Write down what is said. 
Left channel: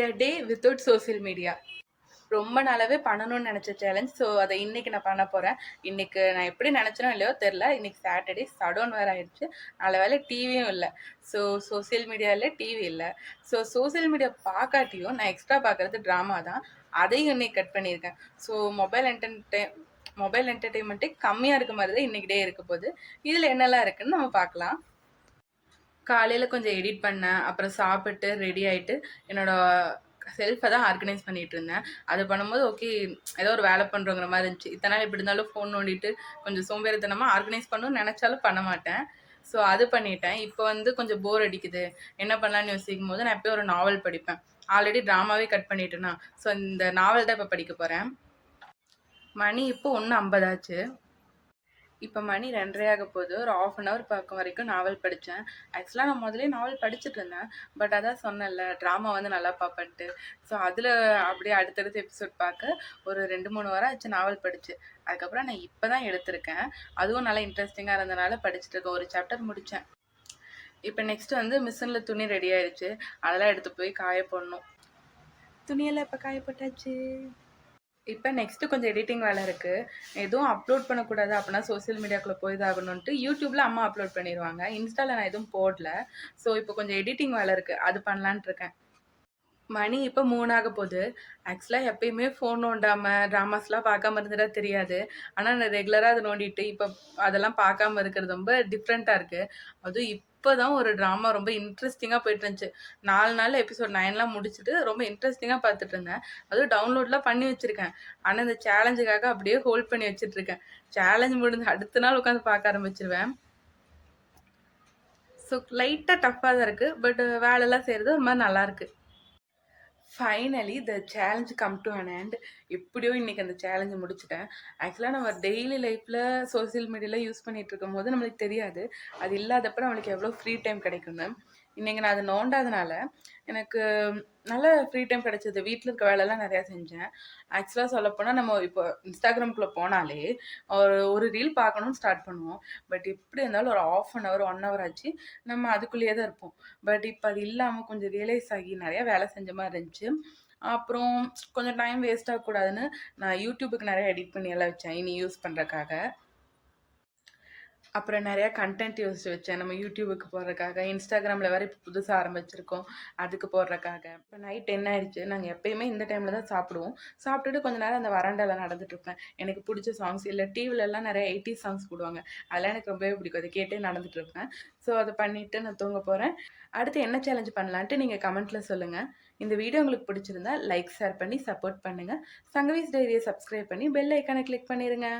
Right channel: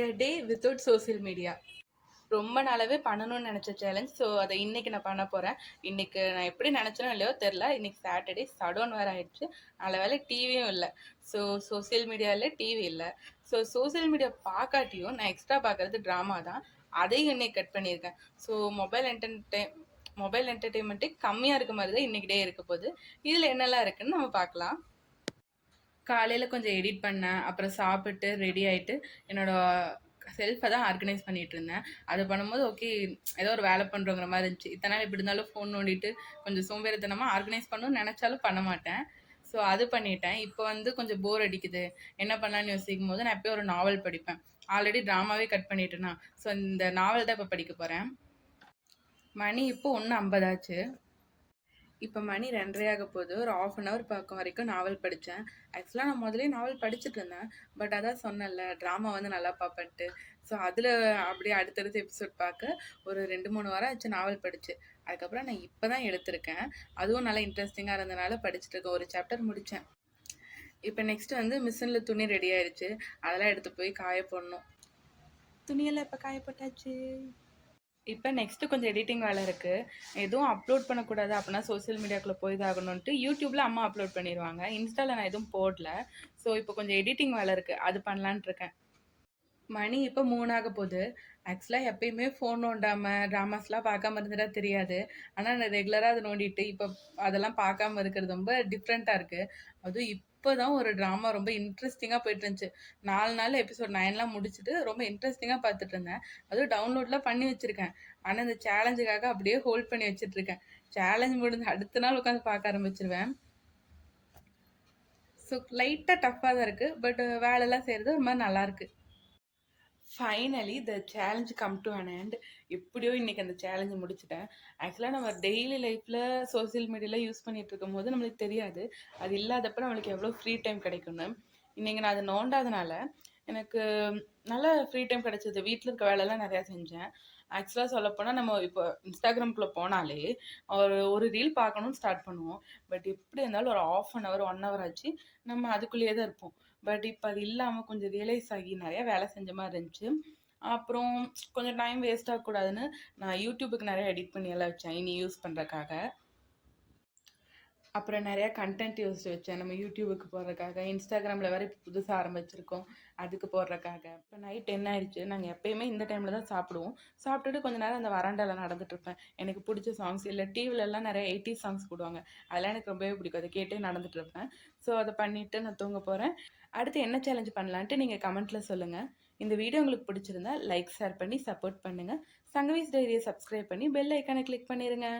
எ டே without social media. ரொம்ப நாளாவே பண்ணணும்னு நினச்ச சேலஞ்ச். ஸோ அதை இன்னைக்கு நான் பண்ண போகிறேன். இன்னைக்கு நான் எப்படி நினச்சனோ இல்லையோ தெரில. இன்னைக்கு சாட்டர்டே சடவுன் வேறு ஆயிடுச்சு. நல்ல வேலை டிவியும் இல்லை. ஸோ சோசியல் மீடியாவில் டிவி இல்லை. ஸோ சோசியல் மீடியா பார்க்காட்டியும் நான் எக்ஸ்ட்ரா பார்க்குறது ட்ராமா தான். அதையும் இன்னைக்கு கட் பண்ணியிருக்கேன். ஸோ மொபைல் என்டர்டெயின்மெண்ட்டே கம்மியாக இருக்க மாதிரி தான் இன்னைக்கு டே இருக்க போகுது. இதில் என்னெல்லாம் இருக்குன்னு நம்ம பார்க்கலாம். காலையில் கொஞ்சம் எடிட் பண்ணேன். அப்புறம் சாப்பிட்டு ரெடி ஆகிட்டு என்னோட செல்ஃபை தான் ஆர்கனைஸ் பண்ணிட்டு இருந்தேன். அது பண்ணும்போது ஓகே, ஏதோ ஒரு வேலை பண்ணுறோங்கிற மாதிரி இருந்துச்சு. இத்தனை நாள் எப்படி இருந்தாலும் ஃபோன் நோண்டிட்டு கொஞ்சம் சோம்பேறித்தனமாக ஆர்கனைஸ் பண்ணணும்னு நினச்சாலும் பண்ண மாட்டேன். ஸோ அது பண்ணிட்டேன். இப்போ வந்து கொஞ்சம் போர் அடிக்குது, என்ன பண்ணலான்னு யோசிக்கும் போது நான் எப்பயும் ஒரு நாவல் படிப்பேன். ஆல்ரெடி ட்ராமாவே கட் பண்ணிட்டேன்னா, ஸோ இந்த நாவல் தான் இப்போ படிக்க போகிறேன். மணி இப்போ 1:50 ஆச்சு. இப்போ மணி 2:30 ஆக போகுது. ஒரு 1/2 hour பக்கம் வரைக்கும் நாவல் படித்தேன். ஆக்சுவலாக நான் முதலே நாவல் படிச்சுட்டு இருந்தேன். பட் அதான் சொன்னேன்ல, ட்ராமா வந்து நல்லா பார்ப்பேன்ட்டு. ஸோ அதில் அப்படியே அடுத்தடுத்த எபிசோட் பார்க்க ஒரு 2-3 வாரம் ஆச்சு நாவல் படித்து. அதுக்கப்புறம் நான் இப்போ தான் எடுத்திருக்கேன். அதுவும் நல்லா இன்ட்ரெஸ்டிங்காக இருந்தனால படிச்சுட்டு இருக்கேன். ஒரு சாப்டர் முடித்தேன். இப்போ நெக்ஸ்ட் வந்து மிஷினில் துணி ரெடி ஆயிடுச்சு. அதெல்லாம் எடுத்து போய் காய போடணும். துணியெல்லாம் இப்போ காய போட்டாச்சு. இப்போ நெக்ஸ்ட்டு கொஞ்சம் எடிட்டிங் வேலை இருக்குது. எதுவும் அப்லோட் பண்ணக்கூடாது அப்படின்னா சோசியல் மீடியாக்குள்ளே போய் தான் ஆகணுன்ட்டு யூடியூப்பில் அம்மா அப்லோட் பண்ணிடுவாங்க. இன்ஸ்டாவில் நான் எதுவும் போடல. ஸோ இப்போ கொஞ்சம் எடிட்டிங் வேலை இருக்குது, அது பண்ணலான்ட்டு இருக்கேன். மணி இப்போ 3 ஆக போகுது. ஆக்சுவலாக எப்பயுமே ஃபோன் நோண்டாமல் ட்ராமாஸ்லாம் பார்க்காம இருந்துட்டா தெரியாது. ஆனால் நான் ரெகுலராக அதை நோண்டிட்டு இப்போ அதெல்லாம் பார்க்காம இருக்கிறது ரொம்ப டிஃப்ரெண்ட்டாக இருக்குது. அதுவும் இப்போ தான் ஒரு ட்ராமா ரொம்ப இன்ட்ரெஸ்டிங்காக போயிட்டு இருந்துச்சு. 4 நாள் எபிசோட் 9லாம் முடிச்சுட்டு ரொம்ப இன்ட்ரெஸ்டிங்காக பார்த்துட்டு இருந்தேன். அதுவும் டவுன்லோட்லாம் பண்ணி வச்சுருக்கேன். ஆனால் இந்த சேலஞ்சுக்காக அப்படியே ஹோல்ட் பண்ணி வச்சுட்ருக்கேன். சேலஞ்ச் முடிஞ்சு அடுத்த நாள் உட்காந்து பார்க்க ஆரம்பிச்சிருவேன். ஸோ லைட்டாக டஃப்பாக தான் இருக்குது. பட் வேலைலாம் செய்கிறது ஒரு மாதிரி நல்லாயிருக்கு. Finally the challenge come to an end. எப்படியோ இன்றைக்கி அந்த சேலஞ்சை முடிச்சிட்டேன். ஆக்சுவலாக நம்ம டெய்லி லைஃப்பில் சோசியல் மீடியாவில் யூஸ் பண்ணிகிட்டு இருக்கும்போது நம்மளுக்கு தெரியாது அது இல்லாதப்ப நம்மளுக்கு எவ்வளோ ஃப்ரீ டைம் கிடைக்குன்னு. இன்றைக்கி நான் அது நோண்டாதனால எனக்கு நல்ல ஃப்ரீ டைம் கிடைச்சது. வீட்டில் இருக்க வேலைலாம் நிறையா செஞ்சேன். ஆக்சுவலாக சொல்லப்போனால் நம்ம இப்போ இன்ஸ்டாகிராம்குள்ளே போனாலே ஒரு ரீல் பார்க்கணும்னு ஸ்டார்ட் பண்ணுவோம். பட் எப்படி இருந்தாலும் ஒரு 1/2 hour 1 hour ஆச்சு நம்ம அதுக்குள்ளேயே தான் இருப்போம். பட் இப்போ அது இல்லாமல் கொஞ்சம் ரியலைஸ் ஆகி நிறையா வேலை செஞ்ச மாதிரி இருந்துச்சு. அப்புறம் கொஞ்சம் டைம் வேஸ்ட் ஆகக்கூடாதுன்னு நான் யூடியூபுக்கு நிறைய எடிட் பண்ணி எல்லாம் வச்சேன் இனி யூஸ் பண்ணுறக்காக. அப்புறம் நிறையா கண்டென்ட் யோசிச்சு வச்சேன் நம்ம யூடியூபுக்கு போடுறக்காக. இன்ஸ்டாகிராமில் வேறு இப்போ புதுசாக ஆரம்பிச்சிருக்கோம், அதுக்கு போடுறக்காக. இப்போ நைட் 10 ஆயிடுச்சு. நாங்கள் எப்பயுமே இந்த டைமில் தான் சாப்பிடுவோம். சாப்பிட்டுட்டு கொஞ்சம் நேரம் அந்த வராண்டாவில் நடந்துட்டுருப்பேன். எனக்கு பிடிச்ச சாங்ஸ் இல்லை டிவிலெலாம் நிறைய 80s சாங்ஸ் போடுவாங்க. அதெல்லாம் எனக்கு ரொம்பவே பிடிக்கும். அதை கேட்டே நடந்துட்டுருப்பேன். ஸோ அதை பண்ணிவிட்டு நான் தூங்க போகிறேன். அடுத்து என்ன சேலஞ்ச் பண்ணலான்ட்டு நீங்கள் கமெண்ட்டில் சொல்லுங்கள். இந்த வீடியோ உங்களுக்கு பிடிச்சிருந்தா லைக் ஷேர் பண்ணி சப்போர்ட் பண்ணுங்கள். சங்கவீஸ் டைரியை சப்ஸ்கிரைப் பண்ணி பெல் ஐக்கானை கிளிக் பண்ணிடுங்க.